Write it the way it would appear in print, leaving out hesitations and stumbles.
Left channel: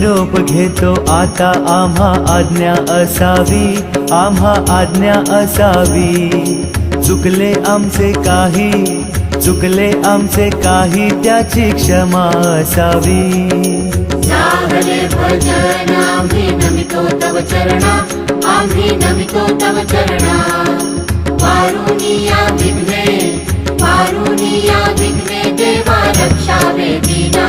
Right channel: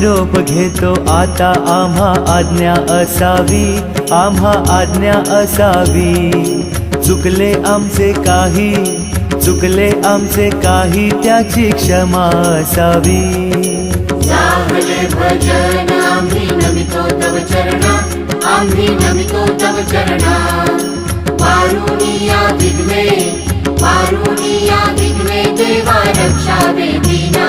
निरोप घेतो आता, आम्हा आज्ञा असावी, आम्हा आज्ञा असावी. चुकले आमचे काही, चुकले आमचे काही, त्याची क्षमा असावी. लागले भजन आम्ही नमितो तव चरणा, आम्ही नमितो तव चरणा. पारुनिया विघ्ने, पारुनिया विघ्ने, देवा रक्षावे दीना.